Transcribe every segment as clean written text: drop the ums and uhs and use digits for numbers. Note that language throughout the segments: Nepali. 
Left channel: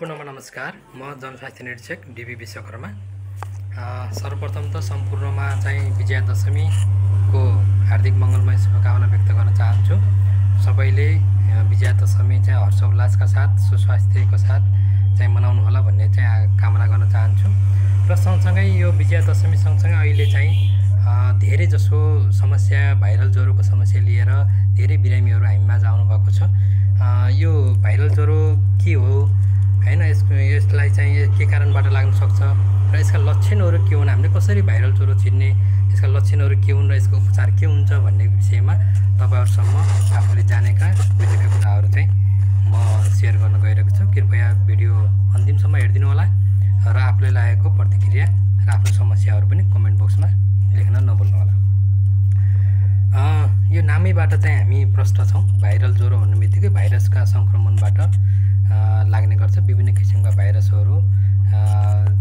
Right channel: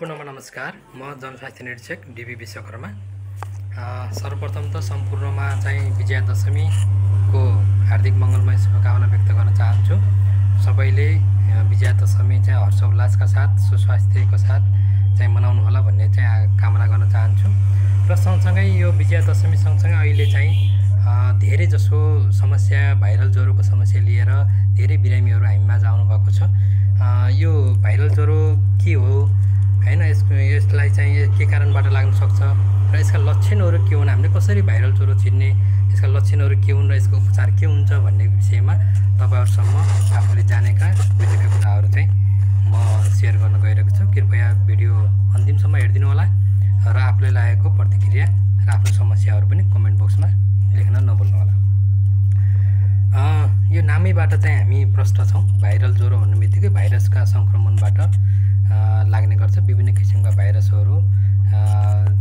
पुनः नमस्कार। म जनस्वास्थ्य निरीक्षक डीबी विश्वकर्मा। सर्वप्रथम त सम्पूर्णमा चाहिँ विजयादशमीको हार्दिक मङ्गलमय शुभकामना व्यक्त गर्न चाहन्छु। सबैले विजयादशमी चाहिँ हर्षोल्लासका साथ सुस्वास्थ्यको साथ चाहिँ मनाउनु होला भन्ने चाहिँ कामना गर्न चाहन्छु। र सँगसँगै यो विजयादशमी सँगसँगै अहिले चाहिँ धेरै जसो समस्या भाइरल ज्वरोको समस्या लिएर धेरै बिरामीहरू हामीमाझ आउनुभएको छ। यो भाइरल ज्वरो के हो हैन, यसलाई चाहिँ के कारणबाट लाग्न सक्छ र यसका लक्षणहरू के हुन्, हामीले कसरी भाइरल ज्वरो चिन्ने, यसका लक्षणहरू के हुन् र यसको उपचार के हुन्छ भन्ने विषयमा तपाईहरुसम्म आफूले जानेका बुझेका कुराहरू चाहिँ म शेयर गर्न गइरहेको छु। कृपया भिडियो अन्तिमसम्म हेर्दिनु होला र आफूले लागेको प्रतिक्रिया र आफ्नो समस्याहरू पनि कमेन्ट बक्समा लेख्न नभुल्नु होला। यो नामैबाट चाहिँ हामी प्रष्ट छौं। भाइरल ज्वरो भन्नेबित्तिकै भाइरसका संक्रमणबाट लाग्ने गर्छ। विभिन्न किसिमका भाइरसहरू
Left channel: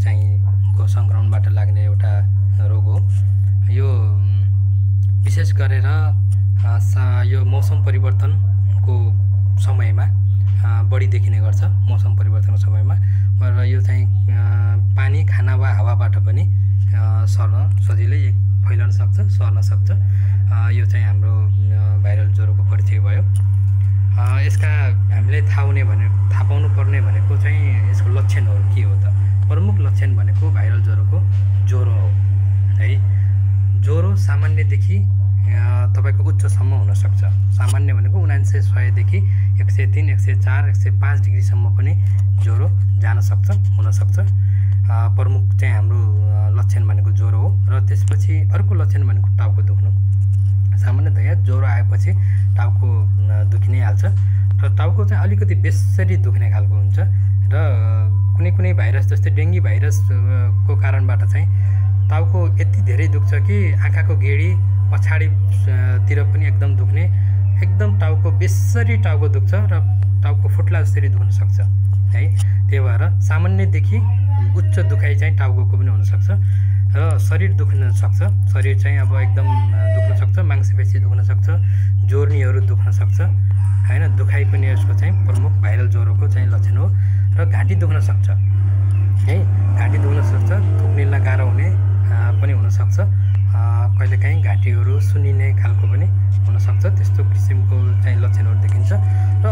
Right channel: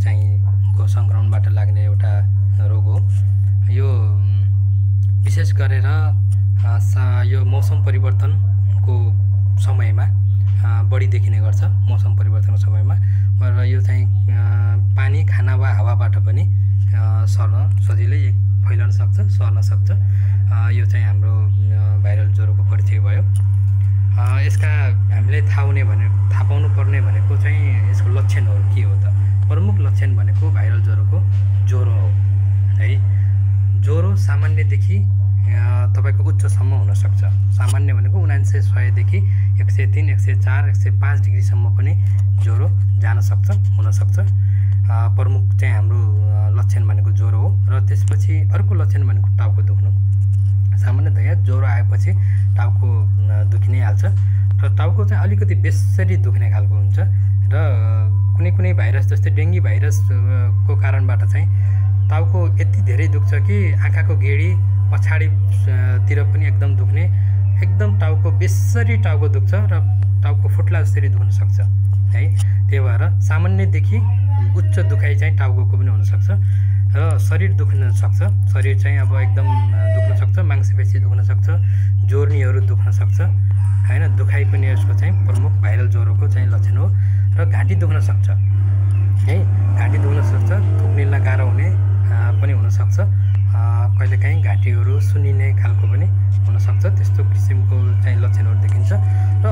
चाहिँ को संक्रमणबाट लाग्ने एउटा रोग हो। यो विशेष गरेर यो मौसम परिवर्तनको समयमा बढी देखिने गर्छ। मौसम परिवर्तनको समयमा र यो चाहिँ पानी, खाना वा हावाबाट पनि सर्न सजिलै फैलन सक्छ, सर्न सक्छ। यो चाहिँ हाम्रो भाइरल ज्वरोको परिचय भयो। यसका हामीले थाहा पाउनु पर्ने भनेको चाहिँ यसको लक्षणहरू के हो त। प्रमुख लक्षण भनेको भाइरल ज्वरोको ज्वरो हो है। ज्वरो सामान्यदेखि तपाईको उच्चसम्म हुन सक्छ। सामान्य भनेको 99-100 देखि 103, 104, 105 डिग्रीसम्म पनि ज्वरो जान सक्छ, हुन सक्छ। प्रमुख चाहिँ हाम्रो लक्षण भनेको ज्वरो हो। र त्यसपछि अर्को लक्षण भनेको टाउको दुख्नु। सामान्यतया ज्वरो आएपछि टाउको दुखि नै हाल्छ र टाउको चाहिँ अलिकति बेसरी दुख्ने खालको हुन्छ र कुनै भाइरस जस्तै डेङ्गी भाइरसको कारणबाट चाहिँ टाउको यति धेरै दुख्छ कि आँखाको गेडी पछाडितिर पनि एकदम दुख्ने, एकदम टाउको बेसरी टाउको दुख्छ र टाउको फुट्ला जसरी दुख्न सक्छ है। त्यही भएर सामान्यदेखि उच्च दुखाइ चाहिँ टाउकोको पनि हुन सक्छ र शरीर दुख्न सक्छ। शरीर चाहिँ अब एकदम दुख्न सक्छ, मांसपेशी दुख्न सक्छ, जोर्नीहरू दुख्न सक्छ हैन। दुखाइ पनि यसको चाहिँ प्रमुख भाइरल ज्वरोको चाहिँ लक्षण हो। र घाँटी दुख्न सक्छ है। घाँटी दुख्न सक्छ, थुक्निलाई गाह्रो हुने पनि हुन सक्छ। कहिलेकाहीँ घाँटीहरू सुन्निने खालको पनि हुन सक्छ। त्यस्तो किसिमको चाहिँ लक्षणहरू देखिन्छ। र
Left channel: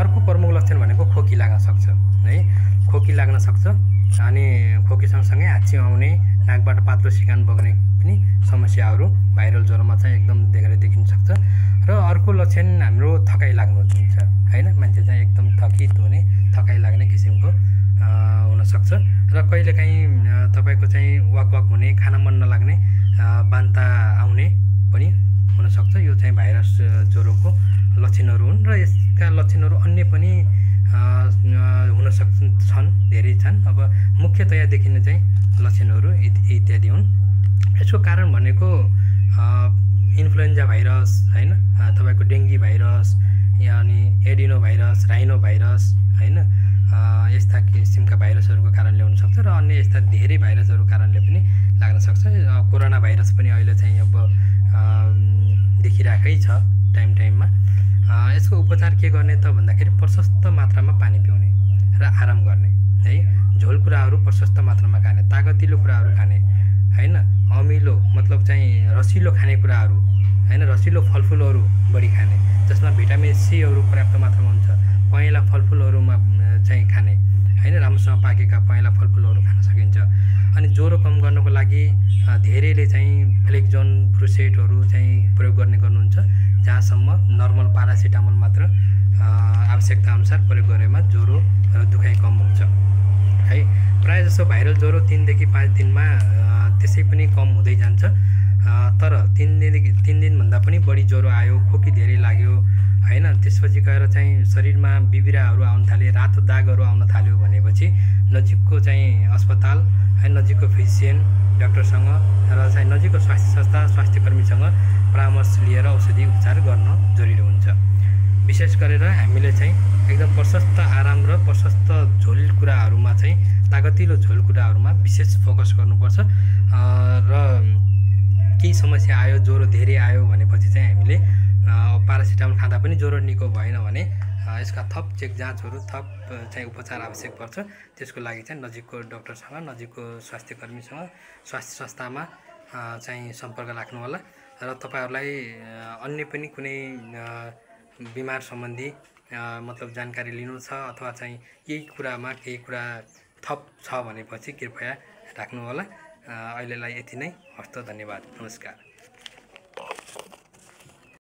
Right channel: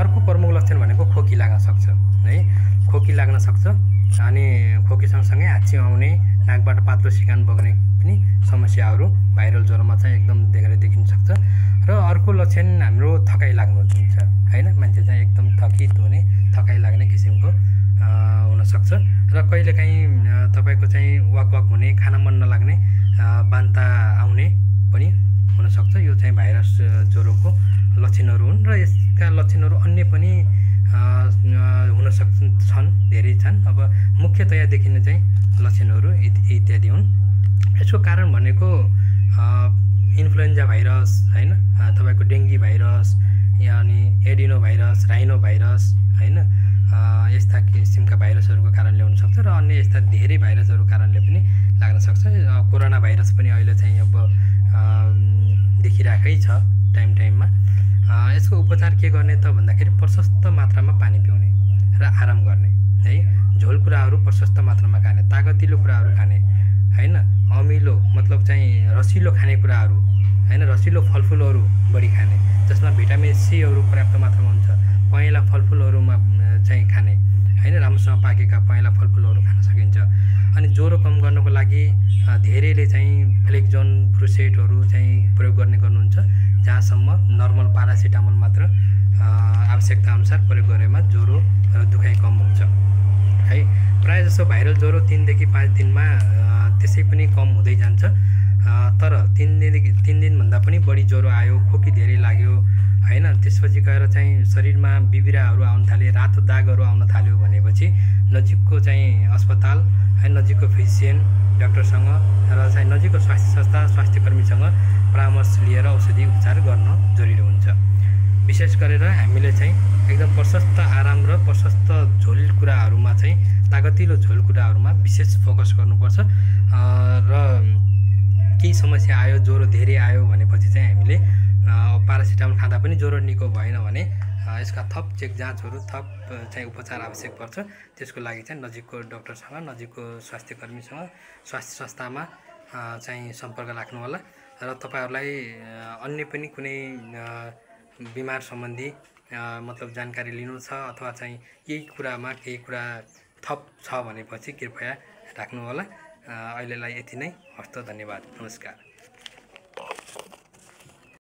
अर्को प्रमुख लक्षण भनेको खोकी लाग्न सक्छ है। खोकी लाग्न सक्छ अनि खोकी सँगसँगै हाच्ची आउने, नाकबाट पातलो सिकान बग्ने पनि समस्याहरू भाइरल ज्वरोमा चाहिँ एकदम देखेर देखिन सक्छ। र अर्को लक्षण हाम्रो थकाइ लाग्नु हुन्छ हैन। मान्छे चाहिँ एकदम थकित हुने, थकाइ लाग्ने किसिमको हुन सक्छ। र कहिलेकाहीँ तपाईको चाहिँ वाक हुने, खाना मन नलाग्ने, बान्ता आउने पनि हुन सक्छ। यो चाहिँ भाइरस ज्वरोको लक्षणहरू हुन् र यसका लक्षणहरू अन्य पनि हुन छन्, धेरै छन्। अब मुख्यतया देखिने चाहिँ लक्षणहरू इत्यादि हुन्। यसको कारण भनेको इन्फ्लुएन्जा भाइरस हैन, तपाईको डेङ्गी भाइरस अनि एडिनो भाइरस, राइनो भाइरस हैन, यस्ता किसिमका भाइरसहरूको कारणले हुन सक्छ र अन्य यस्ता धेरै भाइरसहरूको कारणले पनि लाग्न सक्छ। कोरोना भाइरस पनि अहिले चाहिँ अब देखिरहेकै छ टाइममा। यसको उपचार के गर्ने त भन्दाखेरि प्रशस्त मात्रामा पानी पिउने र आराम गर्ने है। झोल कुराहरू प्रशस्त मात्रामा खाने, तागतिलो कुराहरू खाने हैन, अमिलो मतलब चाहिँ रसिलो खानेकुराहरू हैन, रसिलो फलफुलहरू बढी खाने जसमा भिटामिन सीहरू पर्याप्त मात्रामा हुन्छ। पहेँला फलफुलहरूमा चाहिँ खाने हैन, राम्रोसँग पाकेका पहेँला फलफुलहरू खान सकिन्छ। अनि ज्वरो कम गर्नको लागि धेरैले चाहिँ फ्लेक्जोन, ब्रुसेटहरू चाहिँ प्रयोग गर्नुहुन्छ, जहाँसम्म नर्मल पारासिटामोल मात्र आवश्यकता अनुसार प्रयोग गरेमा ज्वरो र दुखाइ कम हुन्छ है। प्रायः जसो भाइरल ज्वरो 3 देखि 5 दिनमा त्यसै पनि कम हुँदै जान्छ। तर 3 दिनभन्दा पनि बढी ज्वरो आयो, खोकी धेरै लाग्यो हैन, त्यसपछि गएर चाहिँ शरीरमा बिबिराहरू आउन थाले, रातो दागहरू आउन थाल्यो भनेपछि नजिकको चाहिँ अस्पताल है, नजिकको फिजिसियन डाक्टरसँग र चाहिँ नजिकको स्वास्थ्य संस्था, स्वास्थ्यकर्मीसँग परामर्श लिएर औषधि उपचार गर्न जरुरी हुन्छ। विशेष गरेर हामीले चाहिँ एकदम प्रशस्त आराम र प्रशस्त झोल कुराहरूमा चाहिँ तागतिलो झोल कुराहरूमा विशेष फोकस गर्नुपर्छ। र केही समस्या आयो, ज्वरो धेरै आयो भनेपछि चाहिँ हामीले पारासिटामोल खाँदा पनि ज्वरो निको भएन भने यसका थप चेक जाँचहरू थप चाहिँ उपचार आवश्यक पर्छ। त्यसको लागि चाहिँ नजिकको डाक्टरसँग नजिकको स्वास्थ्य कर्मीसँग स्वास्थ्य संस्थामा चाहिँ सम्पर्क राख्नुहोला र तपाईहरुलाई अन्य पनि कुनै बिमार सम्बन्धी मतलब जानकारी लिनु छ अथवा चाहिँ यही कुरामा केही कुरा थप छ भनेपछि कृपया राख्नुहोला। अहिलेलाई यति नै। हस्त धन्यवाद। नमस्कार।